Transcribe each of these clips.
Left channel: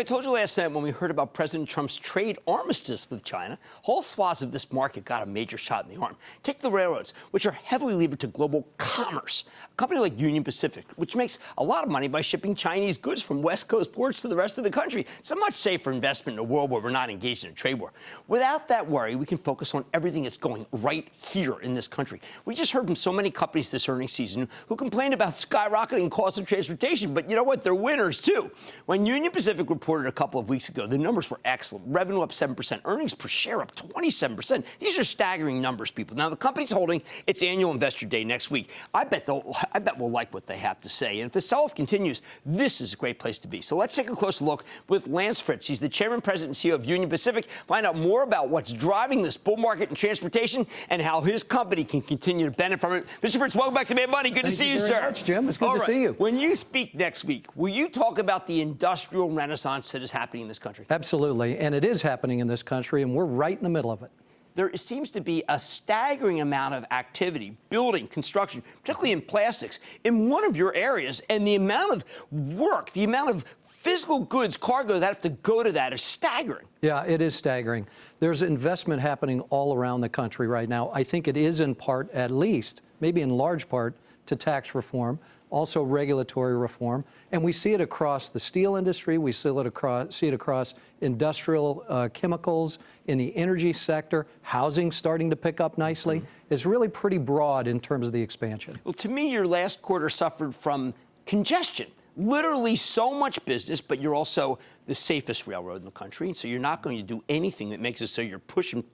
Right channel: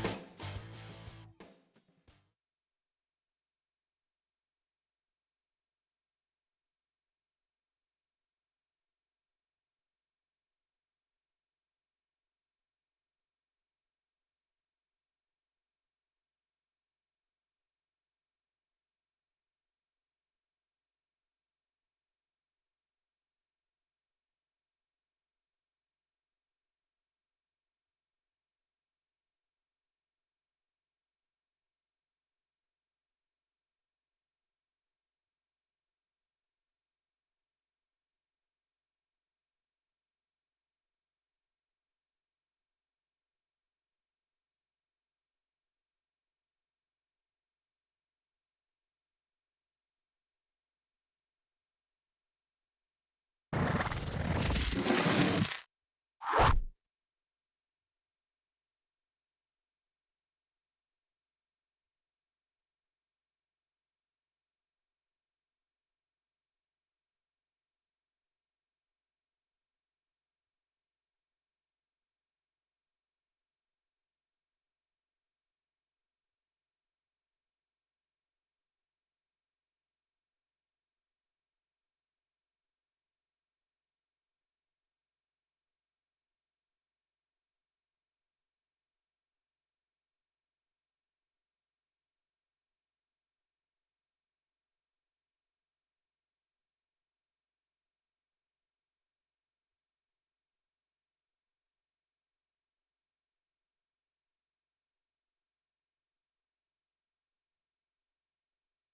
I told you last night when we heard about President Trump's trade armistice with China, whole swaths of this market got a major shot in the arm. Take the railroads, which are heavily levered to global commerce. A company like Union Pacific, which makes a lot of money by shipping Chinese goods from West Coast ports to the rest of the country. It's a much safer investment in a world where we're not engaged in a trade war. Without that worry, we can focus on everything that's going right here in this country. We just heard from so many companies this earnings season who complained about skyrocketing costs of transportation, but you know what? They're winners, too. When Union Pacific reported a couple of weeks ago, the numbers were excellent. Revenue up 7%, earnings per share up 27%. These are staggering numbers, people. Now, the company's holding its annual investor day next week. I bet we'll like what they have to say. And if the sell-off continues, this is a great place to be. So let's take a closer look with Lance Fritz. He's the chairman, president, and CEO of Union Pacific. Find out more about what's driving this bull market in transportation and how his company can continue to benefit from it. Mr. Fritz, welcome back to Mad Money. Good to see you, sir. Jim, it's good to see you. When you speak next week, will you talk about the industrial renaissance that is happening in this country? Absolutely, and it is happening in this country, and we're right in the middle of it. There seems to be a staggering amount of activity, building, construction, particularly in plastics, in one of your areas, and the amount of work, the amount of physical goods, cargo that have to go to that is staggering. Yeah, it is staggering. There's investment happening all around the country right now. I think it is in part, at least, maybe in large part, to tax reform, also regulatory reform, and we see it across the steel industry. We see it across industrial chemicals, in the energy sector. Housing starting to pick up nicely. It's really pretty broad in terms of the expansion. Well, to me, your last quarter suffered from congestion. Literally so much business, but you're also the safest railroad in the country, and so you're not going to do anything that makes it so you're pushing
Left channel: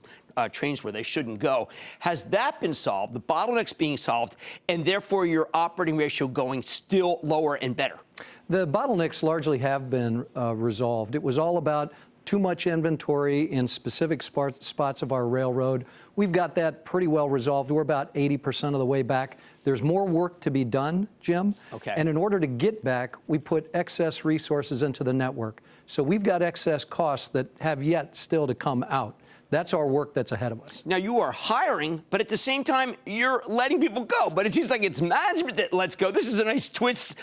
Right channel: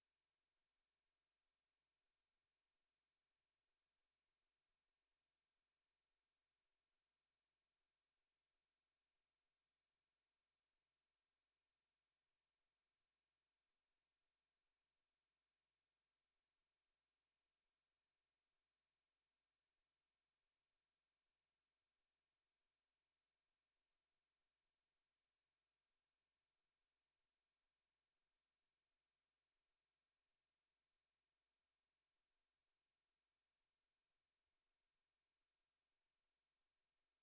trains where they shouldn't go. Has that been solved, the bottlenecks being solved, and therefore your operating ratio going still lower and better? The bottlenecks largely have been resolved. It was all about too much inventory in specific spots of our railroad. We've got that pretty well resolved. We're about 80% of the way back. There's more work to be done, Jim. Okay. And in order to get back, we put excess resources into the network. So we've got excess costs that have yet still to come out. That's our work that's ahead of us. Now, you are hiring, but at the same time, you're letting people go. But it seems like it's management that lets go. This is a nice twist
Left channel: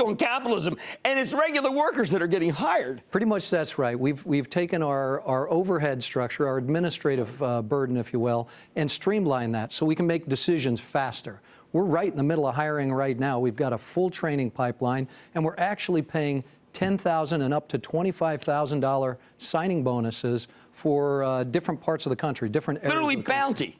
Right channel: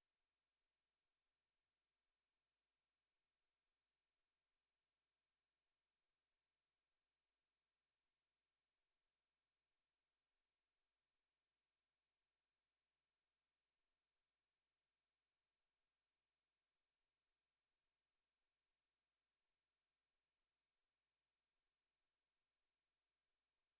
on capitalism, and it's regular workers that are getting hired. Pretty much that's right. We've taken our overhead structure, our administrative burden, if you will, and streamlined that so we can make decisions faster. We're right in the middle of hiring right now. We've got a full training pipeline, and we're actually paying $10,000 and up to $25,000 signing bonuses for different parts of the country, different areas. Literally bounty.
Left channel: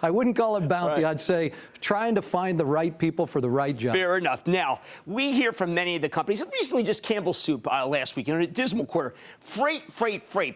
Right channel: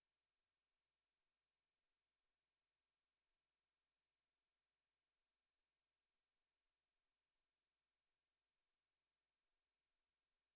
I wouldn't call it bounty. Right. I'd say trying to find the right people for the right job. Fair enough. Now, we hear from many of the companies, recently just Campbell Soup last week, in a dismal quarter, freight.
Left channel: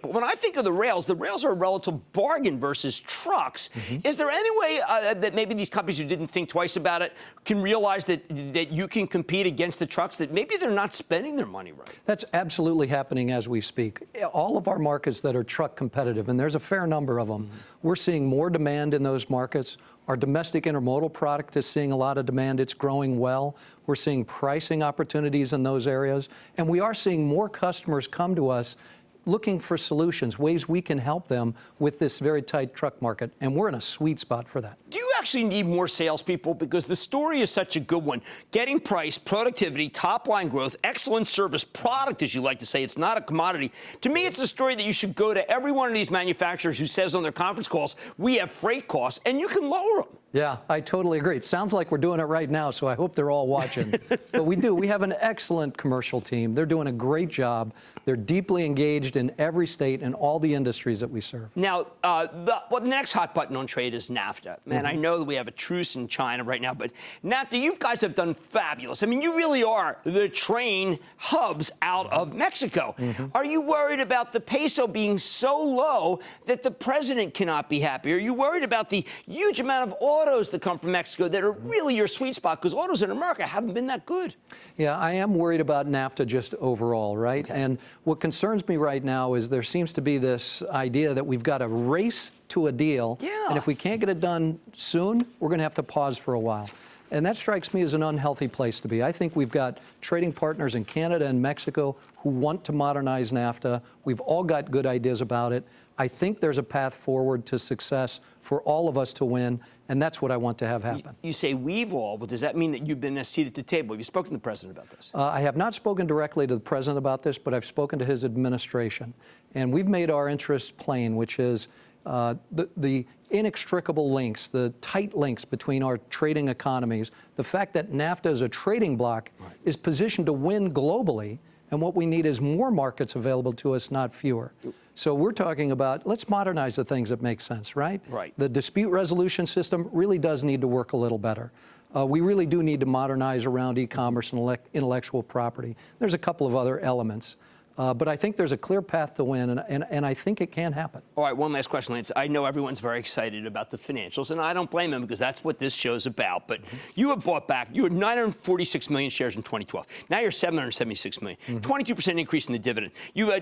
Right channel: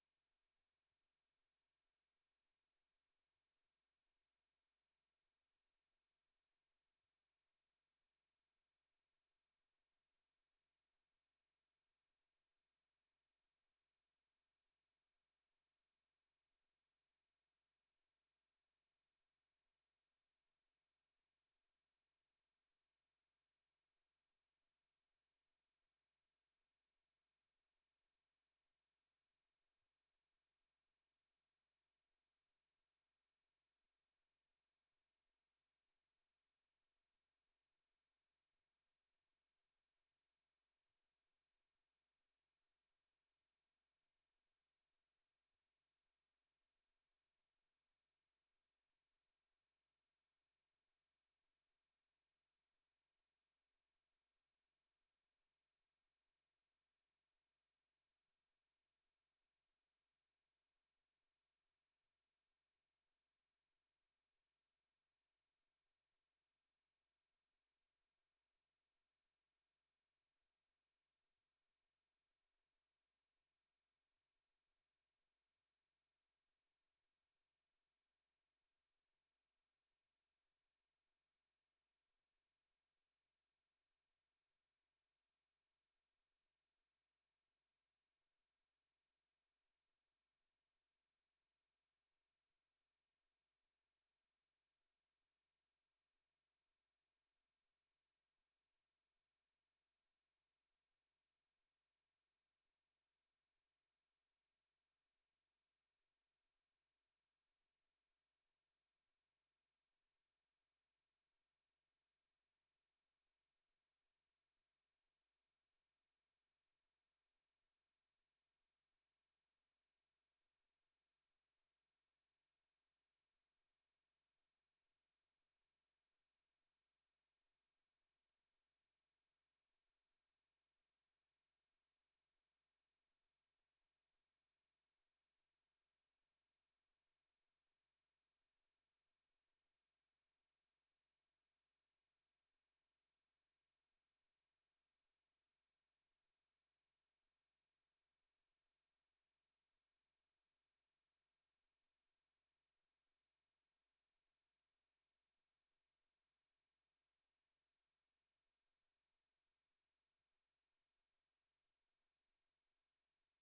But when I think of the rails are a relative bargain versus trucks. Is there any way that maybe these companies who didn't think twice about it can realize that you can compete against the trucks, that maybe they're not spending their money right? That's absolutely happening as we speak. All of our markets that are truck competitive, and there's a fair number of them, we're seeing more demand in those markets. Our domestic intermodal product is seeing a lot of demand. It's growing well. We're seeing pricing opportunities in those areas. And we are seeing more customers come to us looking for solutions, ways we can help them with this very tight truck market. And we're in a sweet spot for that. Do you actually need more salespeople? Because the story is such a good one. Getting price, productivity, top-line growth, excellent service, product, as you like to say. It's not a commodity. To me, it's a story that you should go to every one of these manufacturers who says on their conference calls, we have freight costs, and you can lower them. Yeah, I totally agree. It sounds like we're doing it right now, so I hope they're all watching. But we do. We have an excellent commercial team. They're doing a great job. They're deeply engaged in every state and all the industries that we serve. Now, the next hot button on trade is NAFTA. Man, I know that we have a truce in China right now, but NAFTA, you guys have done fabulous. I mean, you really are the train hubs out of Mexico. Are you worried about the peso being so low that the president cannot be happy? Are you worried about the huge amount of autos that come from Mexico that are really your sweet spot? Because autos in America haven't been that good. Yeah, I am worried about NAFTA just overall, right? Okay. And what concerns me right now is there seems to be this idea that we've got to race to a deal. Yeah. And if we can't get it done soon, we're going to have to pause for a while. And that strikes me as an unhealthy place to be. I think we've got trading partners in Canada and Mexico who want to modernize NAFTA. We've all got good ideas about it. I think there's a path forward to success for all of us to win, And that's what I want to have happen. You say we've all, but does that mean that you've been a seat at the table? Have you spoken to the president about this? I have not spoken directly to the president about this, but I've spoken to his administration. And we've made our interests plain, which is the inextricable links, the tight links between our trading economies, the fact that NAFTA is a trading bloc is positioned to win globally, and what we need is more markets available to us, not fewer. So we're talking about, let's modernize the things that make sense, right? Right. The dispute resolution system really does need to work a little better. We really do need to modernize around e-commerce and intellectual property. There's a couple of other elements. But I think there's a clear path to win, and I think it can happen. All right, one last question, Lance. I know everyone's very excited about the financials, and I don't blame them because that's what this show's about. But you have bought back, you had 946 million shares in 2012. Now you're 776 million. 22% increase in the dividend.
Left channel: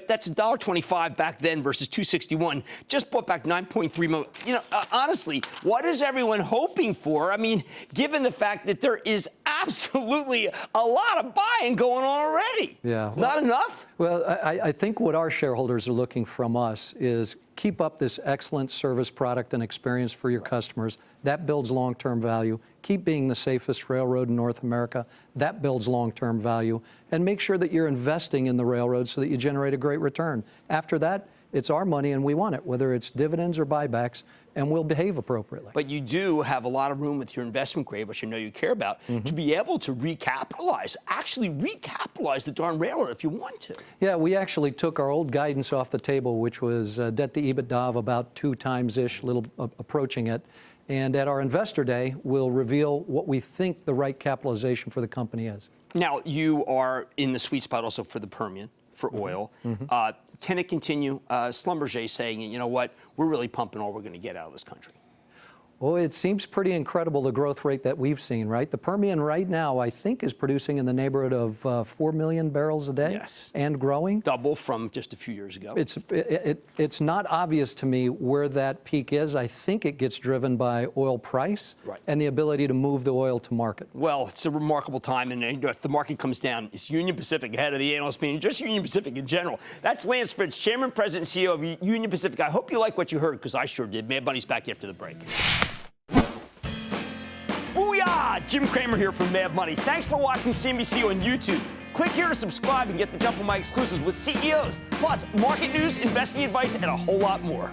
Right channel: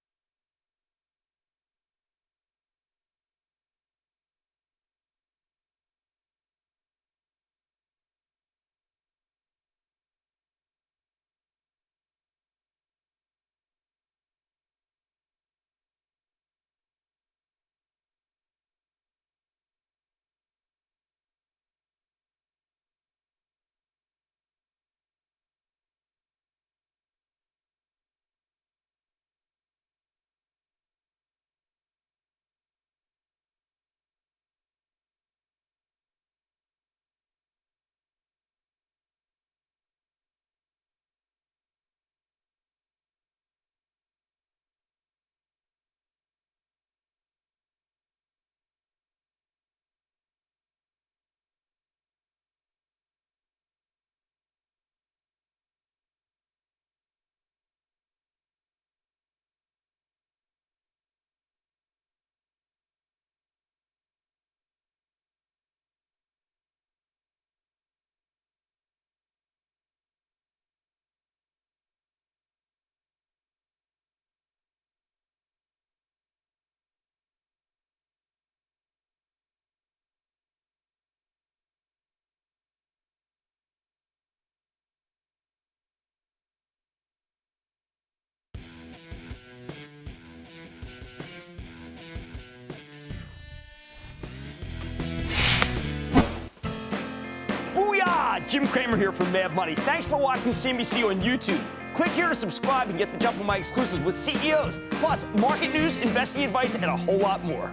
That's $1.25 back then versus $2.61. Just bought back 9.3 million. You know, honestly, what is everyone hoping for? I mean, given the fact that there is absolutely a lot of buying going on already. Yeah. Not enough? Well, I think what our shareholders are looking from us is keep up this excellent service, product, and experience for your customers. That builds long-term value. Keep being the safest railroad in North America. That builds long-term value. And make sure that you're investing in the railroad so that you generate a great return. After that, it's our money and we want it, whether it's dividends or buybacks, and we'll behave appropriately. But you do have a lot of room with your investment grade, which I know you care about, to be able to actually recapitalize the darn railroad if you want to. Yeah, we actually took our old guidance off the table, which was debt to EBITDA of about 2 times-ish, a little approaching it. And at our Investor Day, we'll reveal what we think the right capitalization for the company is. Now, you are in the sweet spot also for the Permian, for oil. Can it continue? Schlumberger saying, you know what, we're really pumping all we're going to get out of this country. Well, it seems pretty incredible, the growth rate that we've seen, right? The Permian right now, I think, is producing in the neighborhood of 4 million barrels a day. Yes. And growing. Double from just a few years ago. It's not obvious to me where that peak is. I think it gets driven by oil price and the ability to move the oil to market. Well, it's a remarkable time, and if the market comes down, it's Union Pacific ahead of the analyst meeting, just Union Pacific in general. That's Lance Fritz, Chairman, President, and CEO of Union Pacific. I hope you like what you heard, because I sure did. Mad Money's back after the break. Booyah! Jim Cramer here from Mad Money. Thanks for watching CNBC on YouTube. Click here to subscribe and get the jump on my exclusives with CEOs, plus market news, investing advice, and a whole lot more.